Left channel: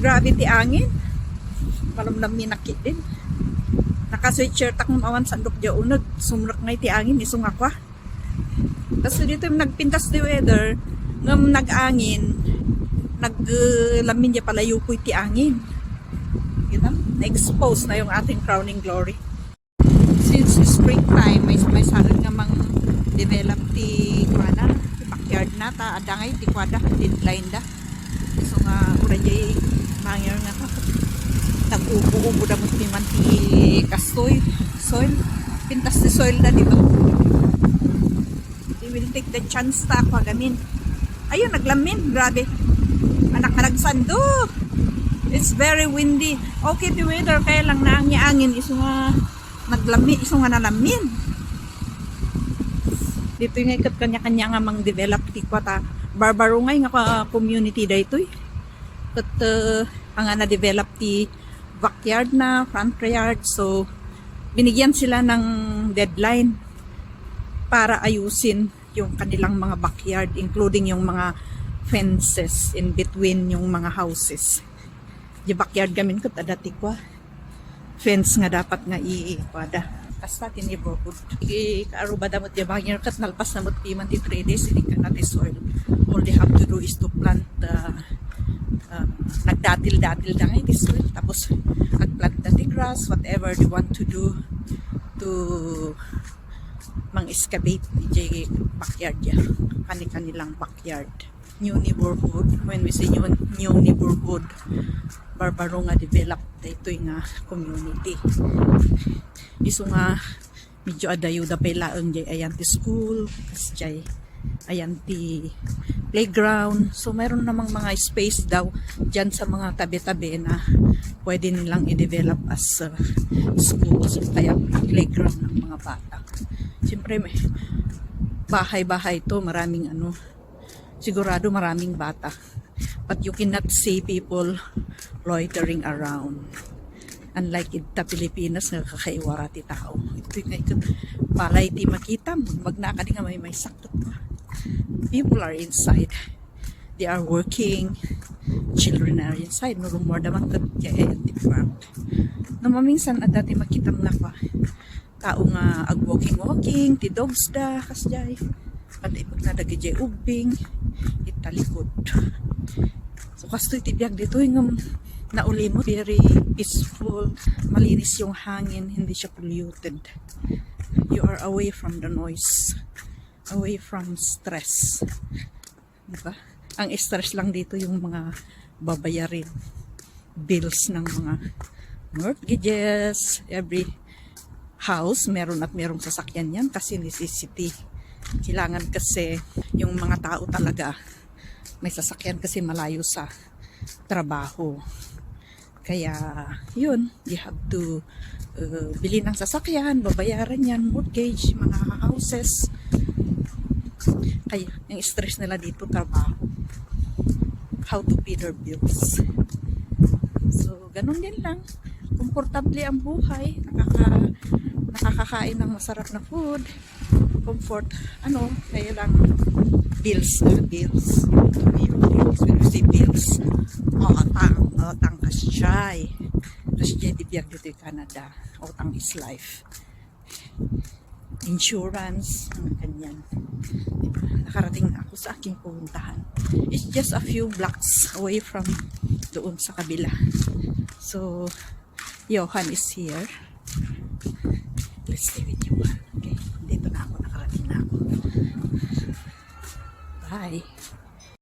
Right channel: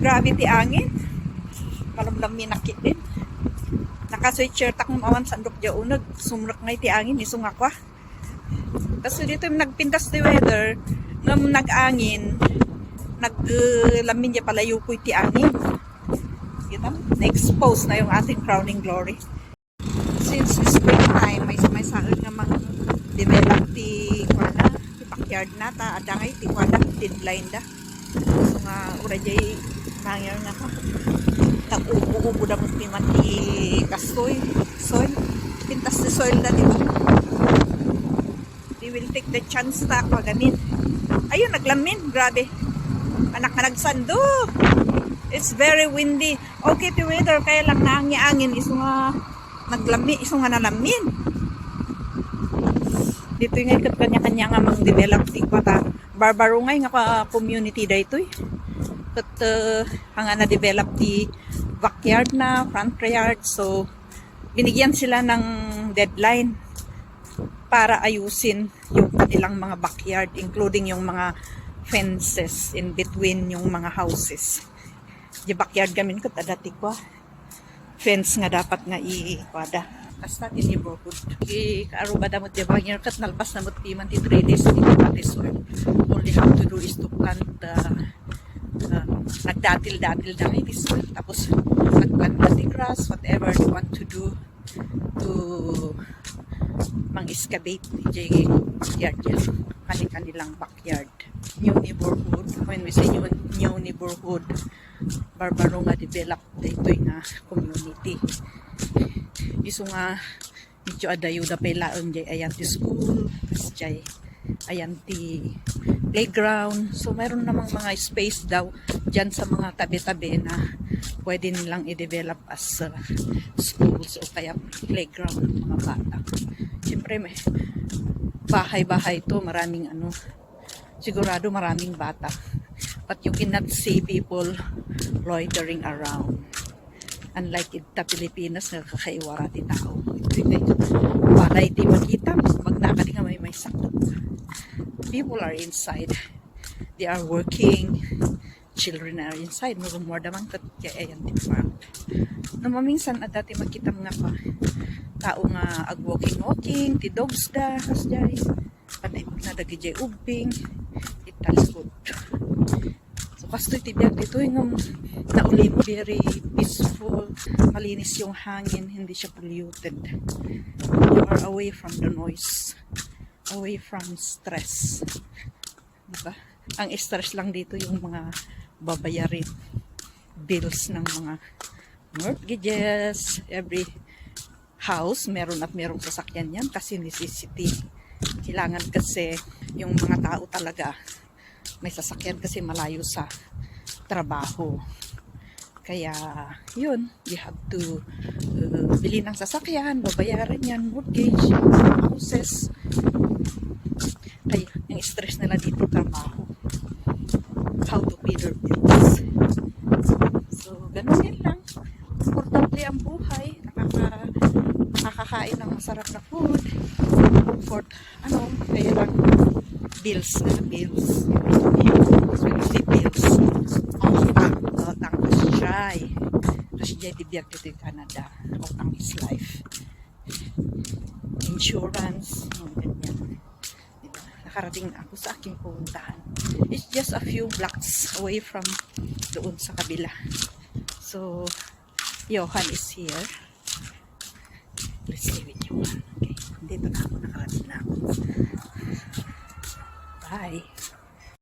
grabe ti angin. Malamlam minakit din. Naka-sweatshirt akong awan sandok dya unag. Sumrak ngay ti angin, isung ako. Kasi dito yung nagpintas ti weather, nga nag-angin, naglamin dya pala yukoy ti angin. Kita? Na-expose na yung ating crowning glory. Since springtime, may sahal nga mang develop ti kwada, ti backyard na ta, ada ngay ti kwada, deadline da. So nga, urayay, mangir nga ta. Nag-ubo-ubo da mo ti man ti kastoy, soil. Pintas ti soil da dito. They will take the chance na pagamin. Ayun, naglamin, grabe. Anak na nagsandok. It's very windy. Okay, the weather, kaya lang naangin, iso nga naglami, iso nga nalamin. Dito yung ikat kanya-kanya nga mang develop ti kwata. Barbarungay nga community da ito eh. But ang na-develop ti backyard na, front yard. So, binigyan sila ng deadline para ayusin yung kanilang mga backyard, including yung mga fences in between yung mga houses. Di backyard gamin ko, tadati ko. Fence nga dapat nga i-kwada. Basta in neighborhood. Kaaruba damot di backyard kat nalpas na mo timan ti 3 days, hindi ko pati soil. All they have to do is to plant nagdatil-datil na ngayon this soil. Tapos nagplant the grass, whatever they want to do to mang-excavate di backyard yan. Kanilang backyard. New neighborhood. When we say new neighborhood, barbaro nga develop dito nga community. Iso nga medyo adayo da pailaon di ayan ti school, kasi ayan ti playground. So mayroon namang mga space daw dyan sa mga tabi-tabi na pwede nilang i-develop as schools o kaya playground ng mga bata. Siyempre may bahay-bahay to, maraming sigurado maraming bata. But you cannot see people loitering around. Unlike ita Pilipinas nga kakaiwara ti tao. Ito balay di makita, magnakadi nga may sakit. People are inside. They are working. Children are inside. No more damang tagyayan ti park. Namaminsan at dati makita mga pa tao nga ag-walking, ti dogs da, kasjay. Pati magladagi jay ubing, italikod. So kastoy ti biag dito yung nauli mo, very peaceful, malinis yung hangin, hindi siya polluted. You are away from the noise, away from stress. Diba? Ang stress lang dito yung mga babayarin, bills ng mga mortgages, every house, meron at merong sasakyan yan kasi necessity. Kailangan kasi yung mga tao talaga may sasakyan kasi malayo sa trabaho. Kaya yun, you have to bili ng sasakyan, babayaran yan, mortgage, houses. Kaya yung stress nila dito trabaho. How to pay their bills. So, ganun yan lang. Komportable ang buhay, nakakakain ng masarap na food, comfort, kaya lang bills, bills, otang kasyay, di biyag dito yung Canada, otang is life, insurance, ganyan. Nakarating na ako sa aking pupuntahan. It's just a few blocks away from doon sa kabila. So, Johan is here. Let's stay with Johan. Okay, dito na ako, nakarating na ako. Bye.